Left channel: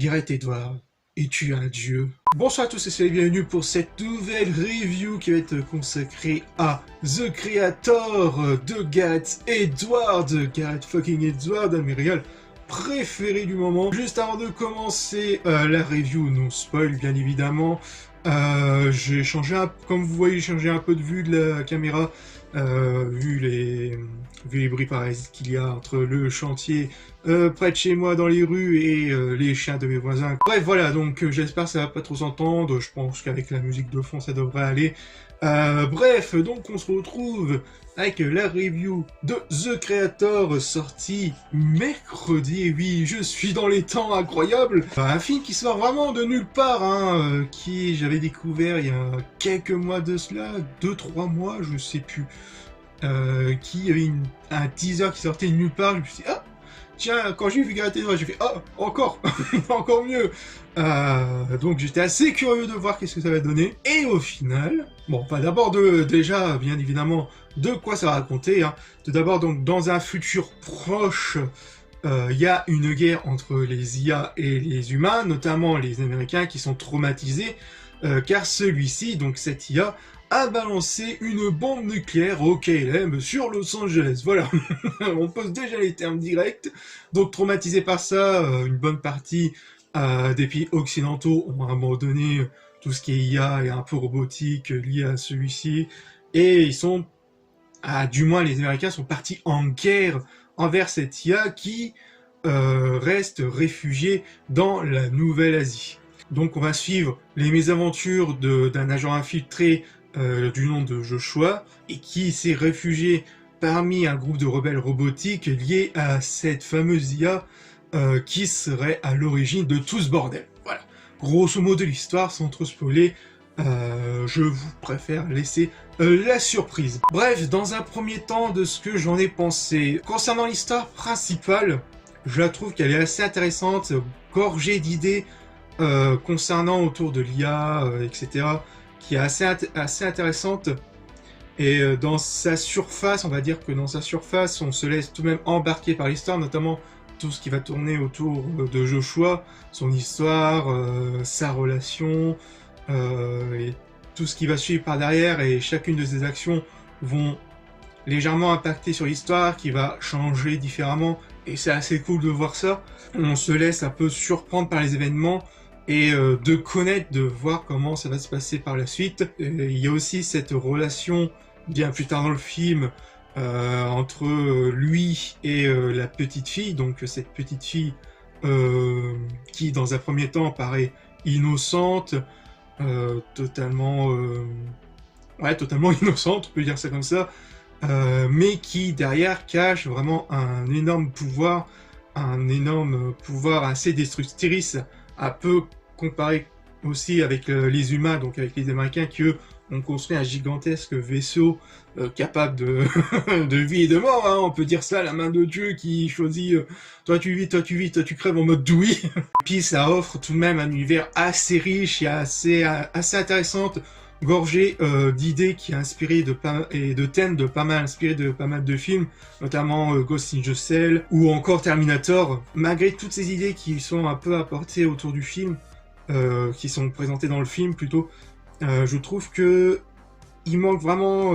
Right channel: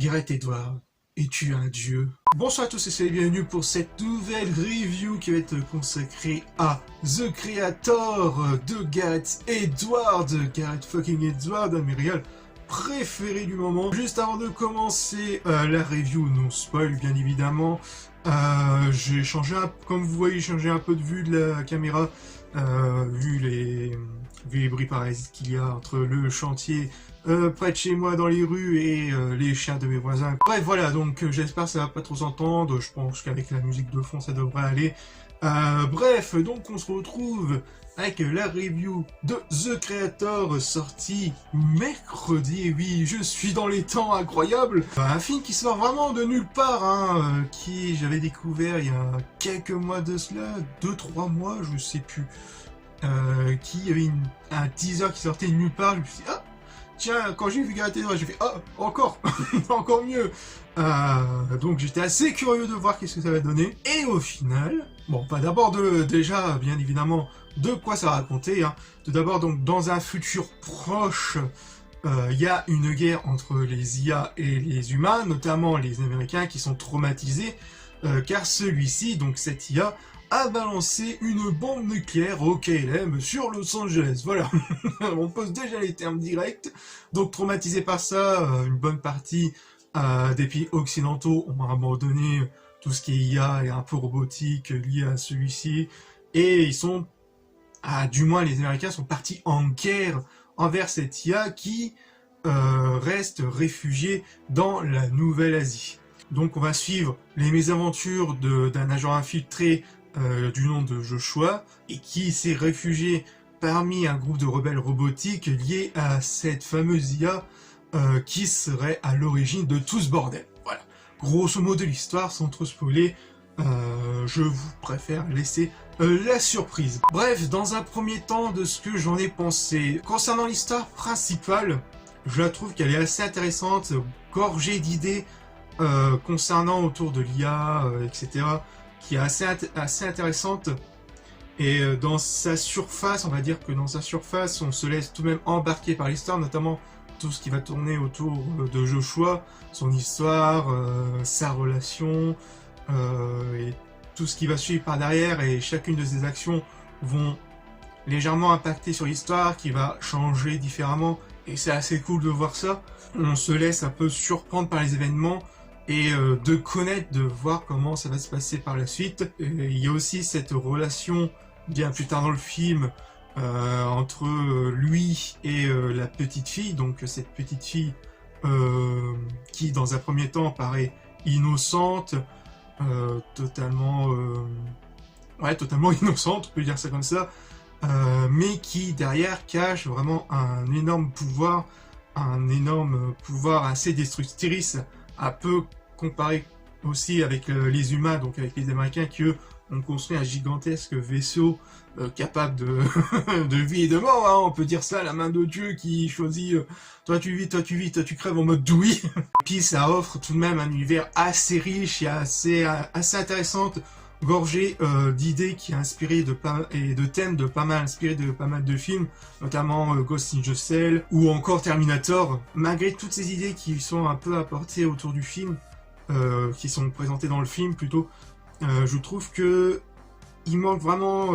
Gareth Edwards, es-tu un dieu? Bonsoir à tous et soyez bienvenus pour cette nouvelle review qui va être consacrée à The Creator de Gareth Edwards, Gareth fucking Edwards, un de mes réals préférés du moment. Juste avant de commencer la review, non spoil bien évidemment, j'ai changé, comme vous voyez, changé un peu de vue de la caméra, vu les bruits parasites qu'il y a entre le chantier près de chez moi dans les rues et les chiens de mes voisins. Bref, voilà, donc j'espère que ça va pas trop s'entendre, je pense qu'avec la musique de fond ça devrait aller. Bref, donc on se retrouve avec la review de The Creator sorti mercredi, et oui, je suis dans les temps, incroyable. Un film qui sort vraiment de nulle part, hein, qui j'avais découvert il y a quelques mois de cela, 2-3 mois, je sais plus, qui avait un teaser qui sortait de nulle part, je me suis dit, ah tiens, quand j'ai vu Gareth Edwards, j'ai fait ah, encore, encore mieux. Donc j'étais assez curieux de voir qu'est-ce que ça va donner. Et au final, bon, pas d'abord déjà, bien évidemment, de quoi ça racontait. Hein. Tout d'abord, donc dans un futur proche, il y a une guerre entre les IA et les humains, notamment les Américains qui sont traumatisés, car celui-ci, donc cette IA, a balancé une bombe nucléaire au KLM sur Los Angeles. Voilà, on pose déjà les termes directs. Donc traumatisé par ça, une bonne partie des pays occidentaux ont abandonné tout ce qui est IA et un peu robotique lié à celui-ci. Et ils sont, du moins les Américains sont partis en guerre envers cette IA qui reste réfugiée dans la Nouvelle-Asie. Donc on va suivre les mésaventures d'un agent infiltré du nom de Joshua, et qui s'est réfugié parmi un groupe de rebelles robotiques liés à cette fameuse IA qui serait à l'origine de tout ce bordel. Voilà, grosso modo l'histoire, sans trop spoiler, je vous préfère laisser la surprise. Bref, dans un premier temps, de ce que j'en ai pensé, concernant l'histoire principale, je la trouve qu'elle est assez intéressante, gorgée d'idées concernant autour de l'IA, etc., qui est assez intéressante. Et dans sa surface, on va dire que dans sa surface, on se laisse tout de même embarquer par l'histoire, notamment tout ce qui va tourner autour de Joshua, son histoire, sa relation, et tout ce qui va suivre par derrière, et chacune de ses actions vont légèrement impacter sur l'histoire, qui va changer différemment, et c'est assez cool de voir ça. On se laisse un peu surprendre par les événements, et de connaître, de voir comment ça va se passer par la suite. Il y a aussi cette relation, bien plus tard dans le film, entre lui et la petite fille, donc cette petite fille qui dans un premier temps paraît innocente, totalement innocente, on peut dire ça comme ça, mais qui derrière cache vraiment un énorme pouvoir assez destructrice, un peu comparé aussi avec les humains, donc avec les Américains qui eux ont construit un gigantesque vaisseau capable de vie et de mort, hein, on peut dire ça, la main de Dieu qui choisit toi tu vis, toi tu vis, toi tu crèves en mode douille. Puis ça offre tout de même un univers assez riche et assez intéressant, gorgé d'idées qui a inspiré et de thèmes inspirés de pas mal de films, notamment Ghost in the Shell ou encore Terminator. Malgré toutes ces idées qui sont un peu apportées autour du film, qui sont présentées dans le film plutôt, je trouve que il manque vraiment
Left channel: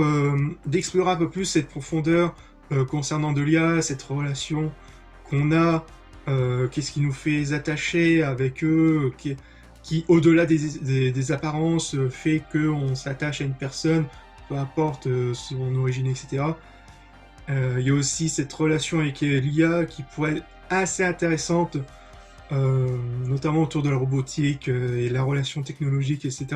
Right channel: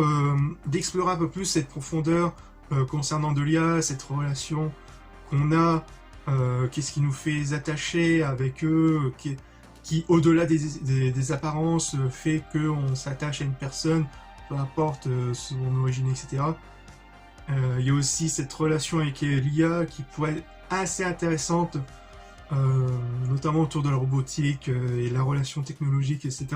d'explorer un peu plus cette profondeur concernant de l'IA, cette relation qu'on a, qu'est-ce qui nous fait attacher avec eux, qui au-delà des apparences, fait qu'on s'attache à une personne, peu importe son origine, etc. Il y a aussi cette relation avec l'IA qui pourrait être assez intéressante, notamment autour de la robotique et la relation technologique, etc.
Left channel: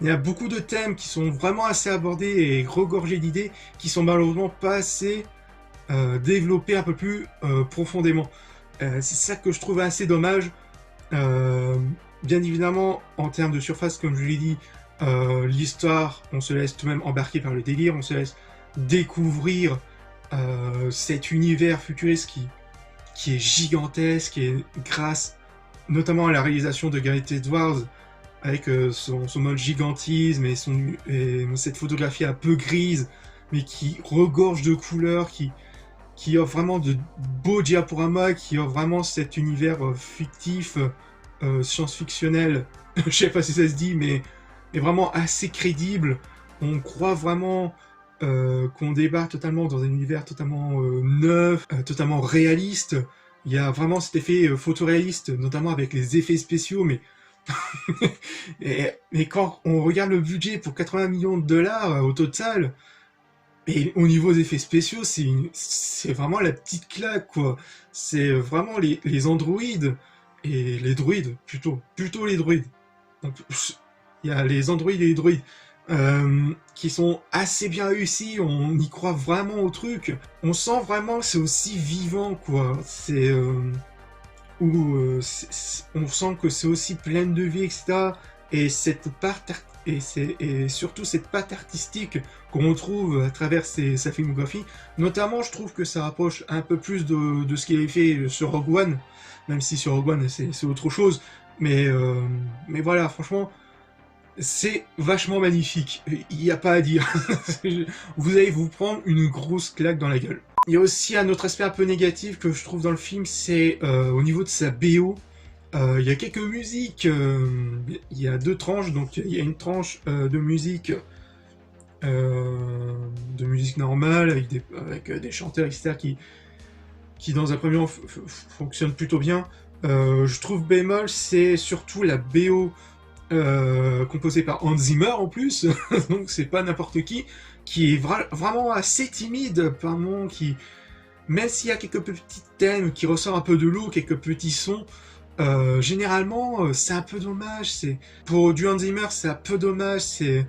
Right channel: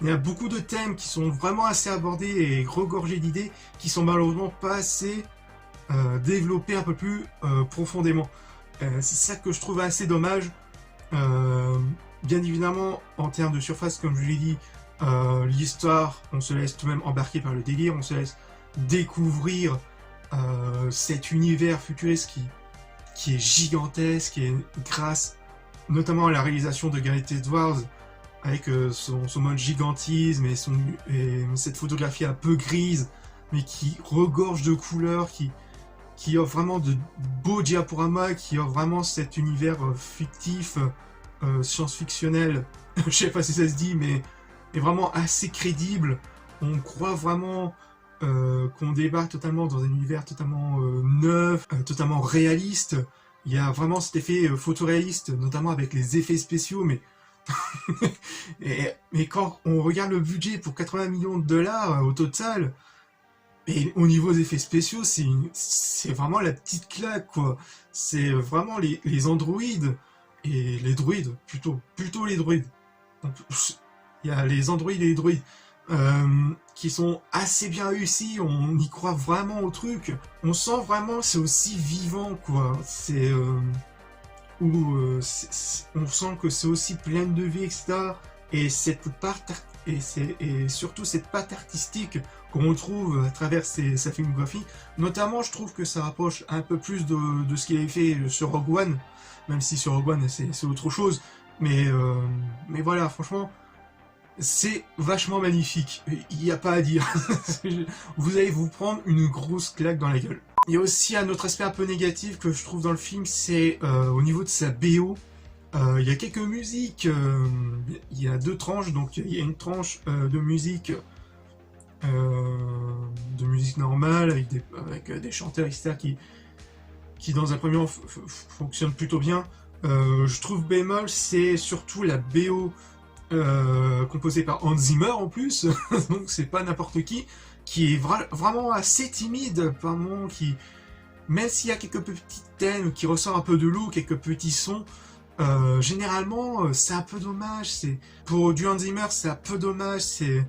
Il y a beaucoup de thèmes qui sont vraiment assez abordés et regorgés d'idées qui sont malheureusement pas assez développés un peu plus profondément. C'est ça que je trouve assez dommage. Bien évidemment, en termes de surface, comme je l'ai dit, l'histoire, on se laisse tout de même embarquer par le délire, on se laisse découvrir cet univers futuriste qui est gigantesque, et grâce notamment à la réalisation de Gareth Edwards, avec son mode gigantisme et cette photographie un peu grise, mais qui regorge de couleurs, qui offre vraiment de beaux diaporamas, qui offre vraiment cet univers fictif, science-fictionnel, je sais pas si ça se dit, mais est vraiment assez crédible. On croit vraiment qu'on débarque totalement dans un univers totalement neuf, totalement réaliste. Il y a vraiment cet effet photoréaliste, notamment avec les effets spéciaux, mais mais quand on regarde le budget pour 80 millions de dollars au total, et au niveau des effets spéciaux, c'est vraiment la petite claque, quoi. C'est vraiment les androïdes, et les droïdes, plutôt les droïdes. Donc, il y a les androïdes et les droïdes qui sont assez bien réussis, on y croit vraiment au truc. On sent vraiment que c'est aussi vivant, quoi. On sent que c'est aussi plein de vie, etc. Et surtout cette patte artistique qu'on trouve à travers sa filmographie. Notamment, je trouve que ça rapproche un peu plus de ce qu'il avait fait sur Rogue One, même si sur Rogue One c'est autre chose. Mais voilà, franchement, c'est vachement magnifique. Il n'y a pas à dire. Vous allez vous prendre une grosse claque dans la gueule. Il y a aussi un autre aspect un peu négatif que je trouve dans le film, c'est au niveau de sa BO. Il y a quelques musiques, il y a deux tranches, donc il y a une tranche de musique normale, avec des chanteurs, etc., qui dans un premier temps fonctionnent plutôt bien. Je trouve bémol, c'est surtout la BO composée par Hans Zimmer en plus, donc c'est pas n'importe qui est vraiment assez timide par moment, même s'il y a quelques petits thèmes qui ressortent un peu de l'eau, quelques petits sons, généralement c'est un peu dommage. Pour du Hans Zimmer, c'est un peu dommage, c'est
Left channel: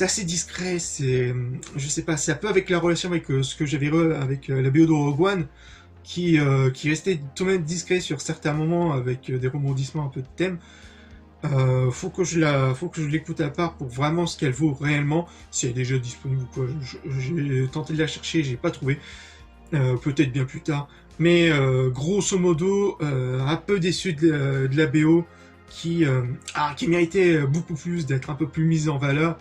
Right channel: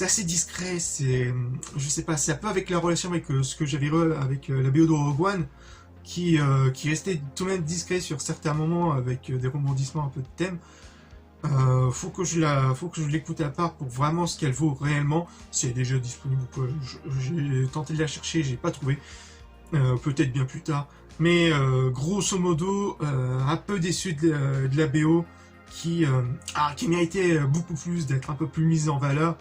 assez discret, je sais pas, c'est un peu avec la relation avec ce que j'avais avec la BO de Rogue One, qui restait tout de même discret sur certains moments avec des rebondissements un peu de thème. Faut que je l'écoute à part pour vraiment ce qu'elle vaut réellement, si elle est déjà disponible ou quoi. J'ai tenté de la chercher, j'ai pas trouvé, peut-être bien plus tard, mais grosso modo, un peu déçu de la BO qui méritait beaucoup plus, d'être un peu plus mise en valeur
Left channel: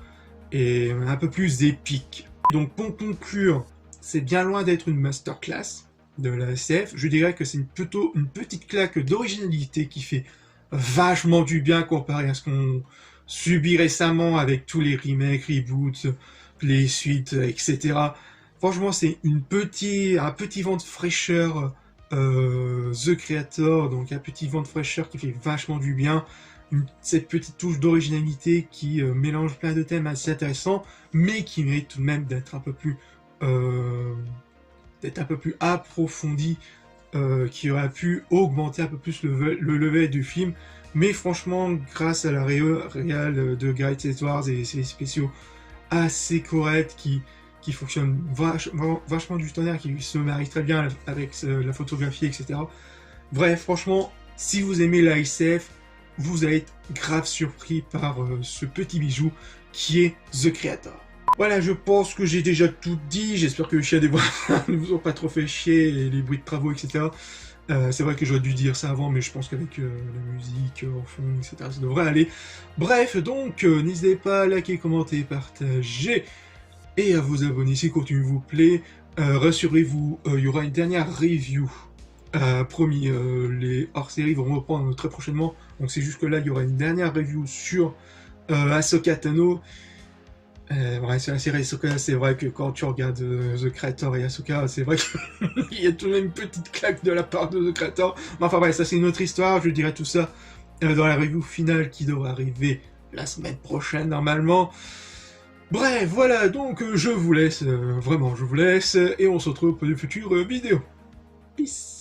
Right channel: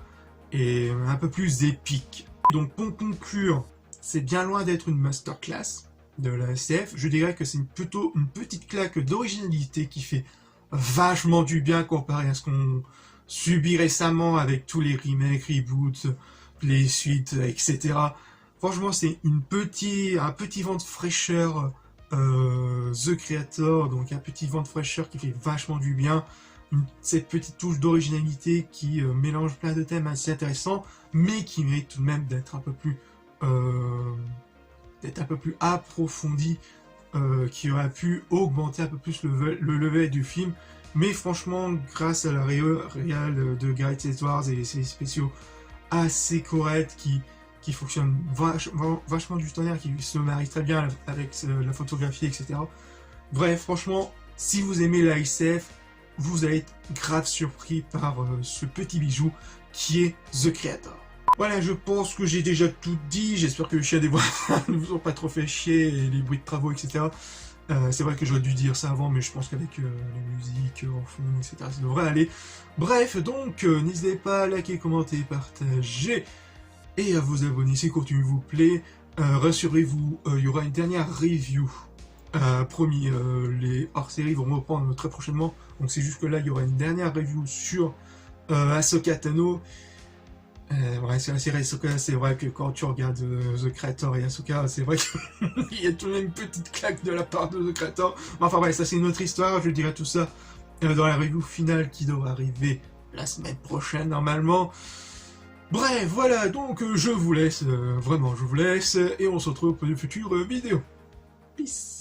et un peu plus épique. Donc pour conclure, c'est bien loin d'être une masterclass de la SF, je dirais que c'est plutôt une petite claque d'originalité qui fait vachement du bien comparé à ce qu'on subit récemment avec tous les remakes, reboots, les suites, etc. Franchement, c'est un petit vent de fraîcheur, The Creator, donc un petit vent de fraîcheur qui fait vachement du bien. Cette petite touche d'originalité qui mélange plein de thèmes assez intéressants, mais qui mérite tout de même d'être un peu plus approfondi, qui aurait pu augmenter un peu plus le level du film. Mais franchement, grâce à la réal de Gareth Edwards et ses spéciaux assez corrects qui fonctionnent vachement du tonnerre, qui se marient très bien avec la photographie, etc. Bref, franchement, si vous aimez la SF, vous allez être grave surpris par ce petit bijou qui est The Creator. Voilà, je pense que j'ai déjà tout dit. J'espère que le chien des voix ne vous ont pas trop fait chier, et les bruits de travaux, etc. C'est vrai que j'aurais dû dire ça avant, mais je pense qu'avec la musique au fond, etc., ça devrait aller. Bref, donc, n'hésitez pas à liker, commenter, partager, et à vous abonner si le contenu vous plaît. Rassurez-vous, il y aura une dernière review. Promis, les hors-séries vont reprendre très prochainement. Donc c'est juste que là, il y aura une dernière review sur Ahsoka Tano. Ouais, c'est la série Ahsoka, c'est vrai que quand tu regardes The Creator et Ahsoka, c'est vrai qu'il y a tout de même une petite claque de la part de The Creator. Mais enfin ouais, ça c'est une autre histoire, je dirai tout ça dans la review finale qui devrait arriver la semaine prochaine normalement. Bref, voilà, donc je vous laisse, vraiment je vous laisse, et on se retrouve pour de futures vidéos. Peace.